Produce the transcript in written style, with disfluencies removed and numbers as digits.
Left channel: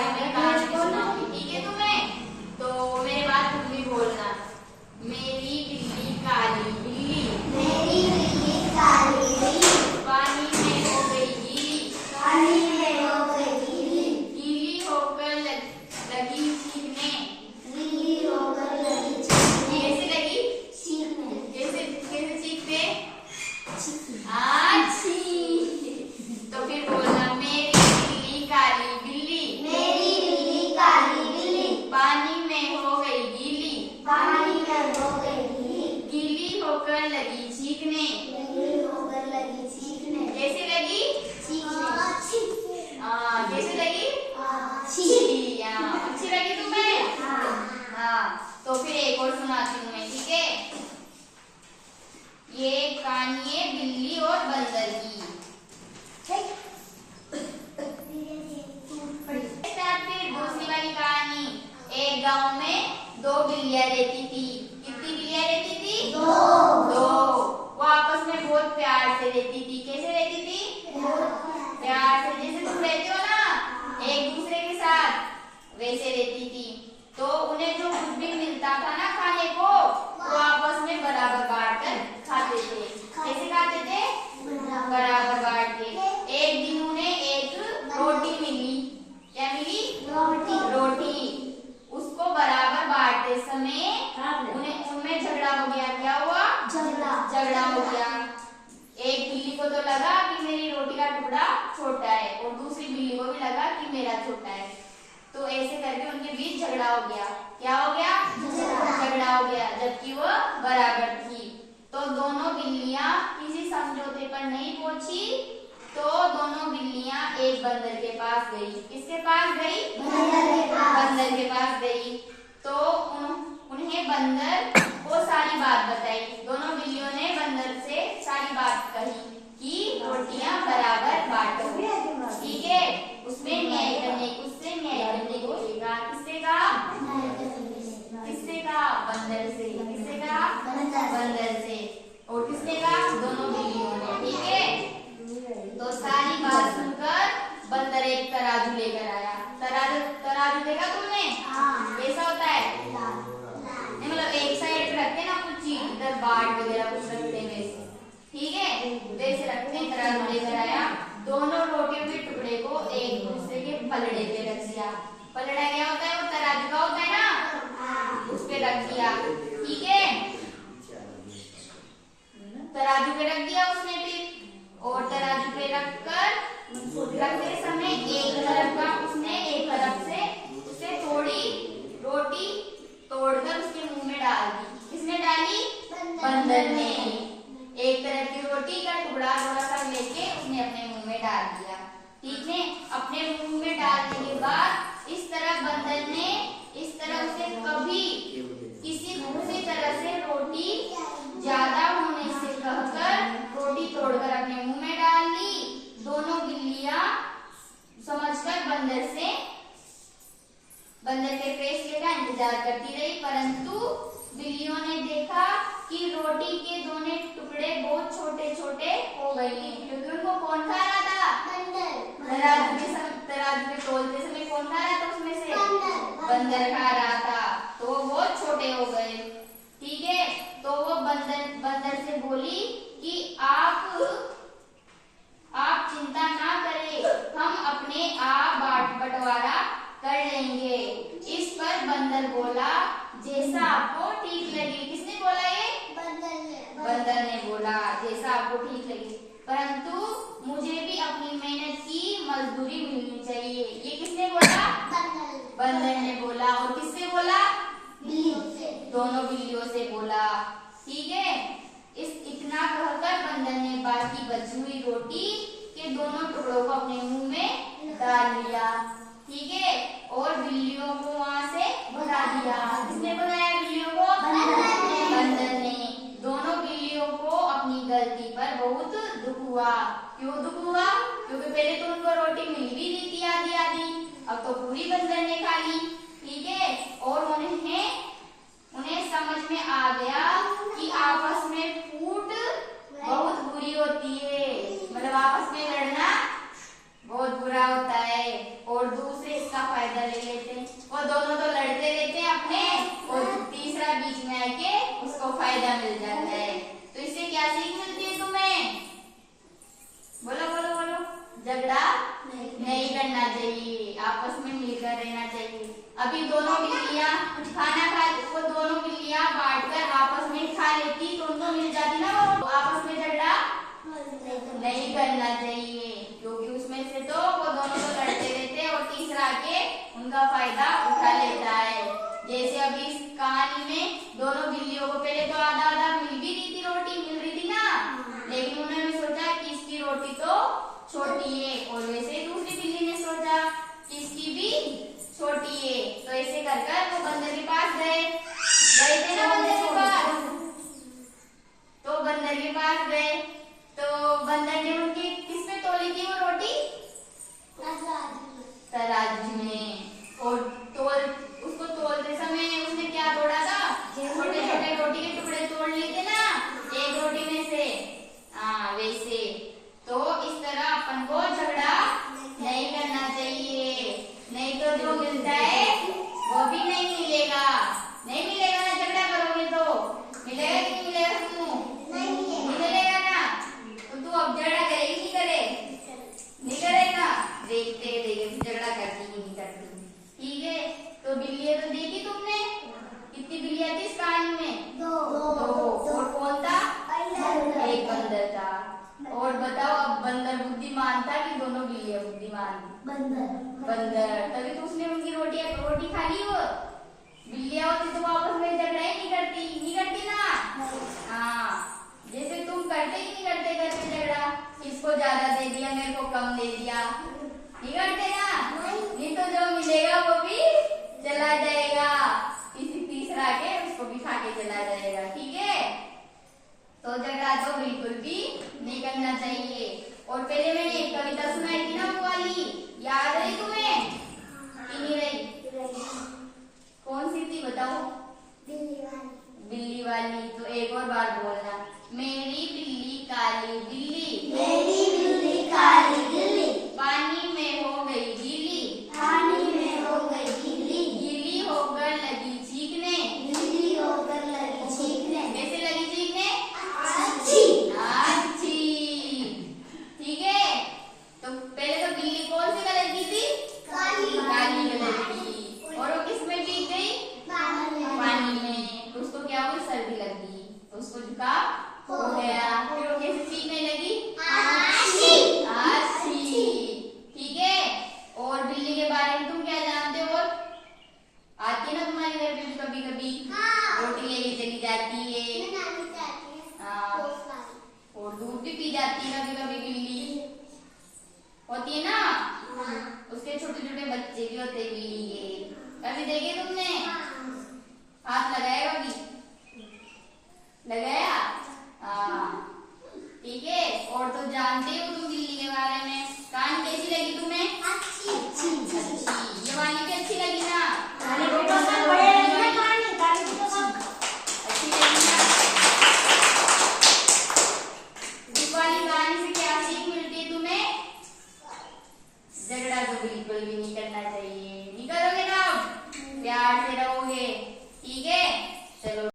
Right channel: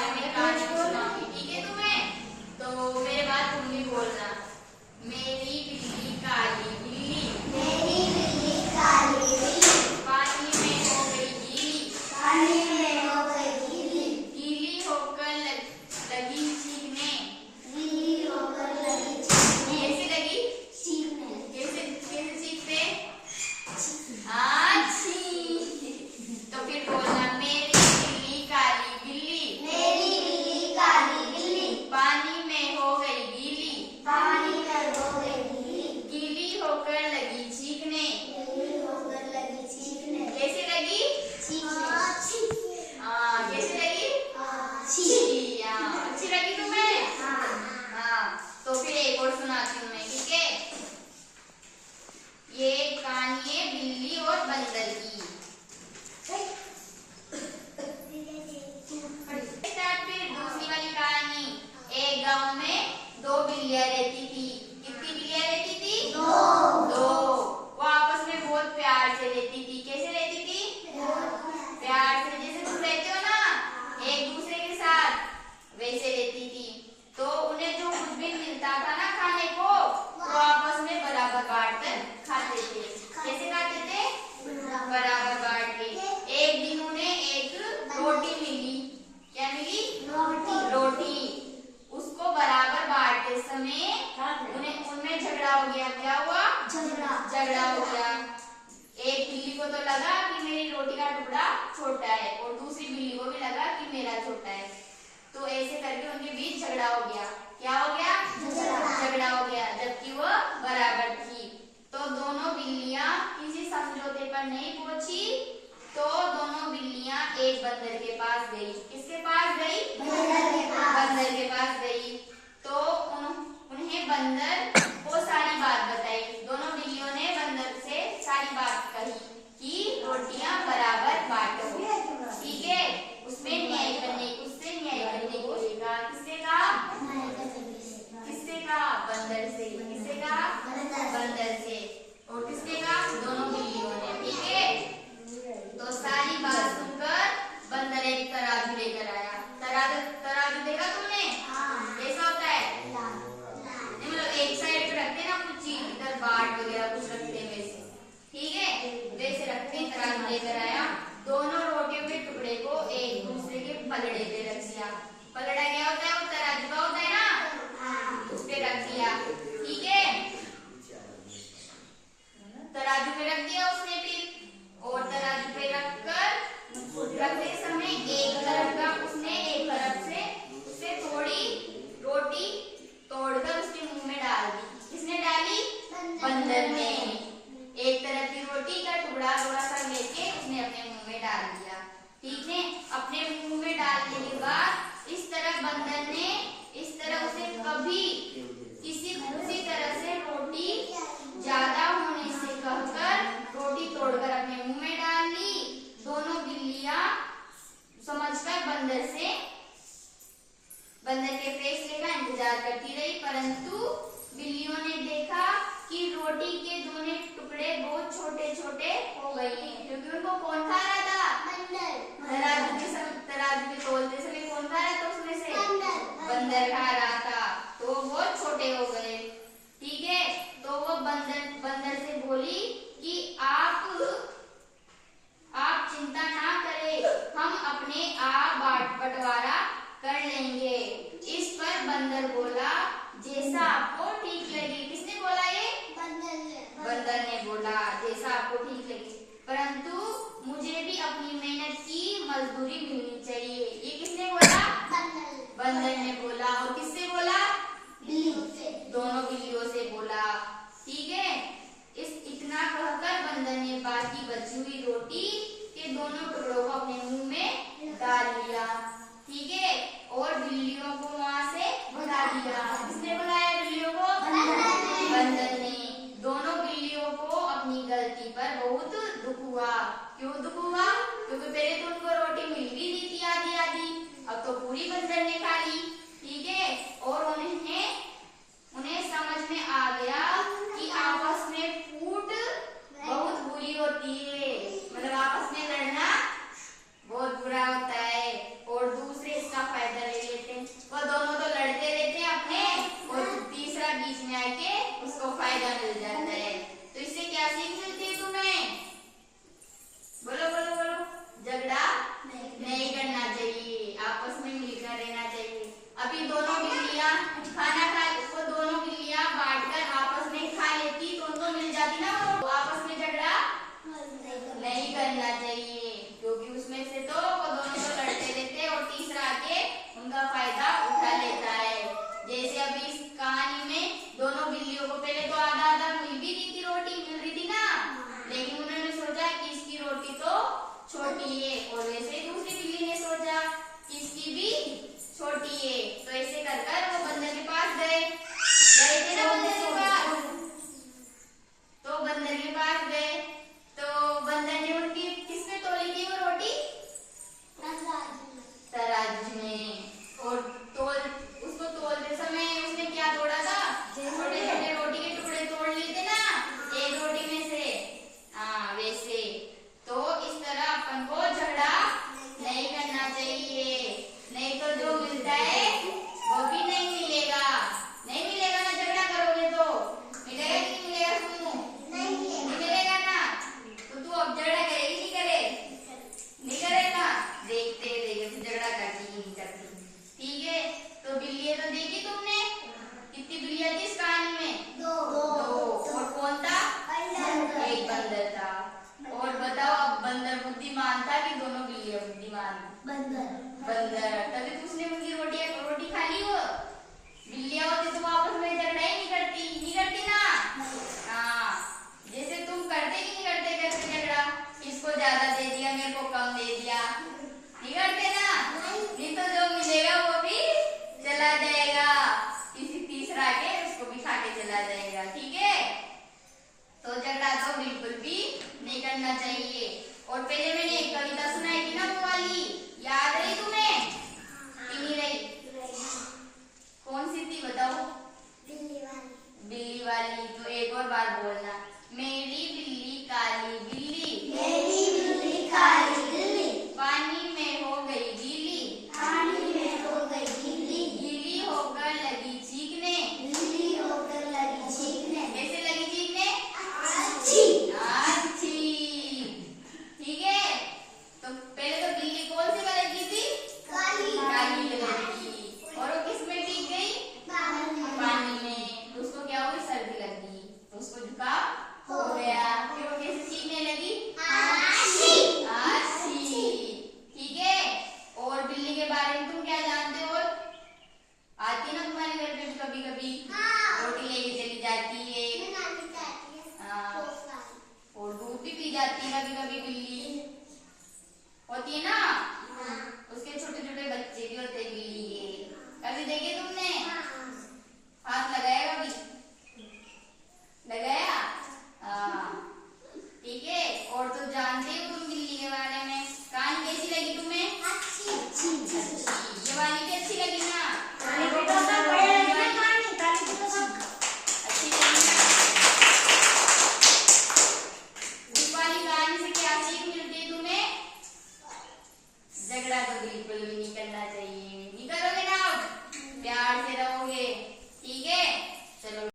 बारे में कहानी सुनाऊंगी, ठीक है तुम्हें? तो मेरे बाद तुम भी बोलना। मेरी बिल्ली काली बिल्ली, मेरी बिल्ली काली बिल्ली, पानी में हो गई गीली, पानी में हो गई गीली, गीली होकर लगी चीखने, गीली होकर लगी चीखने, कैसे लगी? चीखने, कैसे कैसे चीखते? चीखने। अच्छी। तो फिर बोलना, मेरी बिल्ली काली बिल्ली, मेरी बिल्ली काली बिल्ली, पानी में हो गई गीली, पानी में हो गई गीली, गीली होकर लगी चीखने, गीली होकर लगी चीखने, कैसे लगी? चीखने। हाँ, कैसे लगी? चीखने। हाँ, अच्छी लगी तुम्हें? हाँ। हाँ, तो फिर एक और सुनाती हूँ मैं, ठीक है? ये कहानी है बिल्ली और बंदर की। स्टार्ट फिर दूसरी वाली कहानी। एक गांव में दो बिल्लियां रहती थी। कितनी बिल्लियां रहती थी? दो। वो आपस में बहुत प्यार से रहती थी। कैसे रहती थी? प्यार से, जैसे तुम रहते हो ना एक दूसरे के साथ, वैसे रहती थी। तो उन्हें जो कुछ भी मिलता था ना खाने को, वो आपस में बराबर बांट कर खाते थे। कैसे खाते थे? बराबर बांट के। एक दिन उन्हें एक रोटी मिली। क्या मिली? रोटी। उसको बराबर बांटते समय उनमें झगड़ा हो गया। क्या हुआ? झगड़ा हो गया। एक बिल्ली को तो लगा कि मेरी रोटी का टुकड़ा छोटा है, और दूसरी बिल्ली को भी लगा कि मेरा छोटा है। तो ऐसे करके उनके बीच झगड़ा हो गया। क्या हो गया? झगड़ा हो गया, जबकि वो बराबर थी। तो दोनों बिल्लियां किसी समझौते पर नहीं पहुंची। तो दोनों बिल्लियां एक बंदर के पास गई। किसके पास गई? बंदर के पास गई। तो उन्हें बंदर को सारी बात बताई। दोनों बिल्लियों ने बंदर से सारी बात कही कि रोटियां बराबर बांटो, ठीक है? उससे न्याय करने को कहा। किससे कहा? किससे कहा? बंदर से। किससे कहा? बंदर से। और किसने कहा? दोनों बिल्लियों ने, ठीक है? तो सारी बात सुनकर बंदर एक तराजू लेकर आया। तराजू देखा तुमने? कैसा होता है? नहीं, मतलब एक साइड पे रखते हैं ना कुछ चीज, इधर बाट वगैरह कुछ रखते हैं वैसे, ठीक है? वैसे रखते हैं। तराजू लेकर आया। दोनों रोटियों के टुकड़े को एक दूसरे के पलड़े पे रख दिया। पलड़ा क्या होता है? वो तराजू का होता है ना, उस पे रख दिया, ठीक है? तराजू पे रख दिया उसने फिर, और तराजू पे रखकर रखते समय एक तरफ से उससे थोड़ी रोटी तोड़कर उसके मुंह में डाल दी। किसने डाली? बंदर ने। एक तरफ की रोटी का टुकड़ा थोड़ा सा लेके उसने अपने मुंह में डाल दिया, ठीक है? अपने मुंह में डालने के बाद इस तरह बंदर ने इस तरह उसे कभी किसी तरह से रोटी ज्यादा होने से कहकर रोटी तोड़कर अपने मुंह में डाल ली। दोनों बिल्लियां समझकर बंदर के फैसले का इंतजार करती रही, परंतु बिल्लियों ने देखा कि रोटी के दोनों टुकड़े बहुत छोटे छोटे हो गए हैं, क्योंकि उनको कौन खा रहा था? तराजू के तोलते समय कौन खा रहा था उसमें से? बंदर खा रहा था। तो वो बहुत छोटे हो गए, ठीक है? तो वो बंदर से बोली कि आप चिंता ना करें, हम अपने आप बंटवारा कर लेंगे। इस पर बंदर बोला, जैसा आपको ठीक लगे। किसने बोला ये? बंदर ने बोला, जैसा आपको ठीक लगे, परंतु मुझे भी अपनी मेहनत की मजदूरी मिलनी चाहिए। ये किसने बोला? बंदर ने बोला। और किससे बोला? दोनों बिल्लियों से बोला, ठीक है? इतना कहकर बंदर ने बाकी बची हुई रोटी के दोनों टुकड़ों को अपने मुंह में डाल लिया, ठीक है? और बिल्लियों को वहां से भगा दिया। किसने भगाया बिल्लियों को? बंदर ने। दोनों बिल्लियों को अपनी गलती पर बहुत दुख हुआ। क्यों दुख हुआ? क्योंकि पहले तो उनको रोटी मिल भी रही थी आधी आधी, अब तो पूरी बंदर ने खा ली, ठीक है? और उन्हें समझ में आ गया कि आपस में फूट बहुत बुरी होती है, मतलब आपस में लड़ना बहुत बुरा होता है, और दूसरे इसका फायदा अभी दोनों बिल्लियां खाना खा, वो दोनों बिल्लियां बांटकर आपस में खा लेती तो उनको मिल जाती ना, वो आपस में झगड़ा नहीं करना चाहिए, क्योंकि उसमें से तो वो दोनों तो लड़ते रहते और तीसरा आके उनका फायदा उठा लेता है। जैसे अभी इस कहानी में दोनों बिल्लियों को पहले तो आधा आधा मिल भी रही थी, रोटी मिल रही थी ना, लेकिन उन्होंने सोचा कि इसकी रोटी तो छोटी है, और वैसे दूसरी बिल्ली ने सोचा कि इसकी भी छोटी है, तो ऐसे कर कर वो बंदर के पास गए थे ना, बंदर के पास, तो बंदर के पास गए तो बंदर ने उनकी किसमें तोली थी वो रोटी? तराजू में। और उसको तोलते समय उसने क्या तोड़ा था? छोटे छोटे रोटी के टुकड़े तोड़ लिए थे ना एक रोटी में से, हाँ वैसे। तो इस तरह अपन को झगड़ा नहीं करना चाहिए, नहीं तो जो मिलता है वो भी नहीं मिलेगा। नहीं मिलेगा ना, झगड़ा करोगे तो मिलेगा कि नहीं मिलेगा? सुनो, नहीं मिलेगा ना, तो तू अब झगड़ा करेगी नहीं करेगा? देखते तू झगड़ा करती कि नहीं करती। ठीक है, तो बिल्लियां तो देखी तुमने, कितनी बिल्लियां थी इस कहानी में? दो। और कौन था? एक बंदर था। और बताओ, अब बंदर बुद्धिमान था कि दोनों बिल्लियां बुद्धिमान? बंदर। तभी तो उसने उनकी रोटी खा ली। वो बिल्लियां होती तो आपस में झगड़ा ही नहीं करती ना। हाँ, जैसे तुम करते कि नहीं करते झगड़ा, इसको ज्यादा दे दिया, मेरे को कम दे दिया, नहीं करते ना? नहीं तो जो मिलेगा वो भी चला जाएगा, तीसरा के उसको भी खा के चला जाएगा। ठीक है, तो झगड़ा तो बिल्कुल भी नहीं करना चाहिए। और पहले मैंने एक कविता सुनाई थी ना, वो वाली याद रही तुम्हें कि नहीं रही? कौन सी थी बताओ? बिल्ली वाली। तो एक और बार बोलना, मेरी बिल्ली काली बिल्ली, पानी में हो गई गीली, गीली होकर लगी चीखने, कैसे लगी चीखने? अच्छी। ठीक है, तो पहले तो बिल्ली कौन सी कलर की थी? काली कलर की। और वो किस में भीग गई? पानी में। तो उसको क्या हुई? सर्दी लग गई, तो उसको जुकाम हो गया। फिर वो कैसे चीखने लगी? अच्छी। ठीक है, और बिल्ली के बारे में तुम क्या जानते हो? आती है ना तुम्हारे घर पे भी कभी कभी, रोटी लेके चली जाती है, हाँ, और दूध भी पी जाती है कभी कभी। बिल्ली होती है ना, उसके छोटे छोटे बच्चे भी होते हैं बिल्ली के, कभी देखे तुमने? हाथ लगाया कभी? लगाया? हाँ, ठीक है। और तो जानते हो तुम बिल्ली के बारे में। कहानी कैसी लगी तुम्हें? अच्छी। ये वाली भी अच्छी लगी ना? अच्छी लगी ना? इस वाली कहानी से क्या सीख मिलती है तुम्हें? झगड़ा तो बिल्कुल भी नहीं करना चाहिए। नहीं करोगे ना, प्यार से रहोगे। ठीक है, चलो।